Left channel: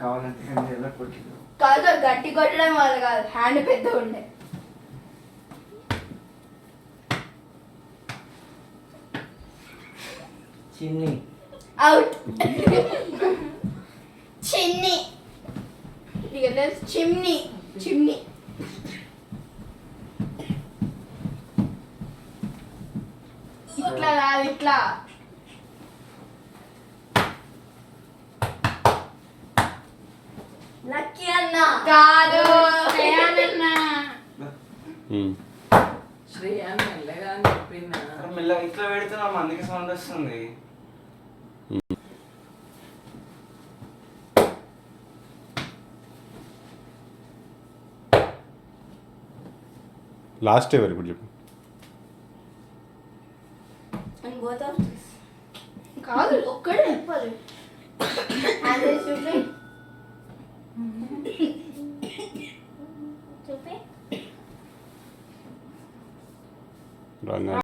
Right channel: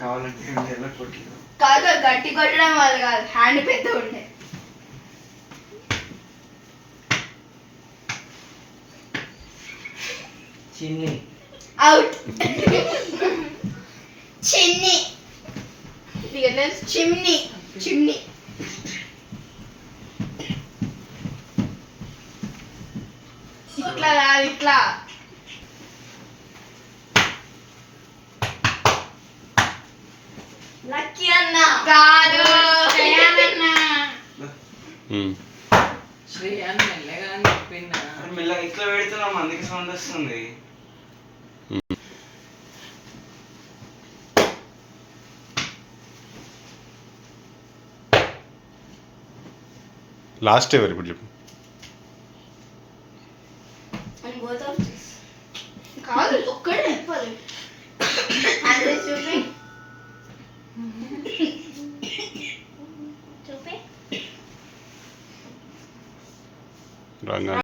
కావాలంటే ఎలా కొట్టిండు కాదు గట్టి కొట్టడం వల్ల కాదు, హ్యాండ్ పెద్ద ఉండే. చిన్ని అవుట్. చిన్ని చిమ్ని చిమ్ని. ఇట్లా కాదు, ఇట్లా. లక్కీ అన్న కాదు, శ్రేయానన్న. శ్రేయాన్ మెల్లగా అని చెప్పిందా? మెల్లగా ఇట్లా పెడుతున్నాం అందుకే సౌండ్ వస్తుంది. లాస్ట్ ఎవరు ఇప్పుడు చెప్పు. కాదు ఒక్కడే చెప్పాలి. అదే చూపి చూపి. రంగా